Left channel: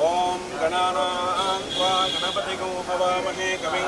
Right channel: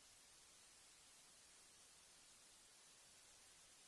Om Ganana Angkwa Ganapati Kumbhava Mahi Kaming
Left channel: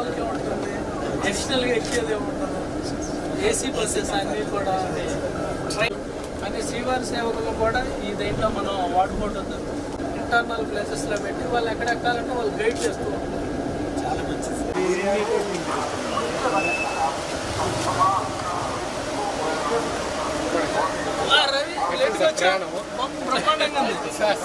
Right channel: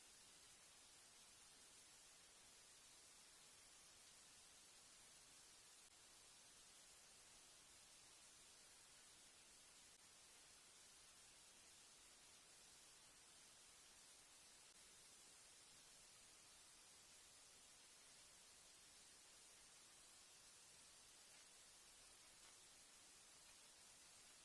okay ఉంటుంది అడిషనల్గా ఎక్కేది ఉంటుంది ఏసీ బస్సెస్ అన్నీ కూడా ట్రైన్ కానీ శ్రీవారి సేవకులు కూడా ఈ దీంట్లో మనం వాడుకుంటుంది ఇంటర్నల్ ప్లేసెస్లో పెట్టి వాళ్ళు ఎక్కడ ఎక్కాలంటే వాళ్ళు గైడ్ చేస్తూ ఉంటారు. ప్రయాణం బ్రహ్మాండంగా ఉంది సార్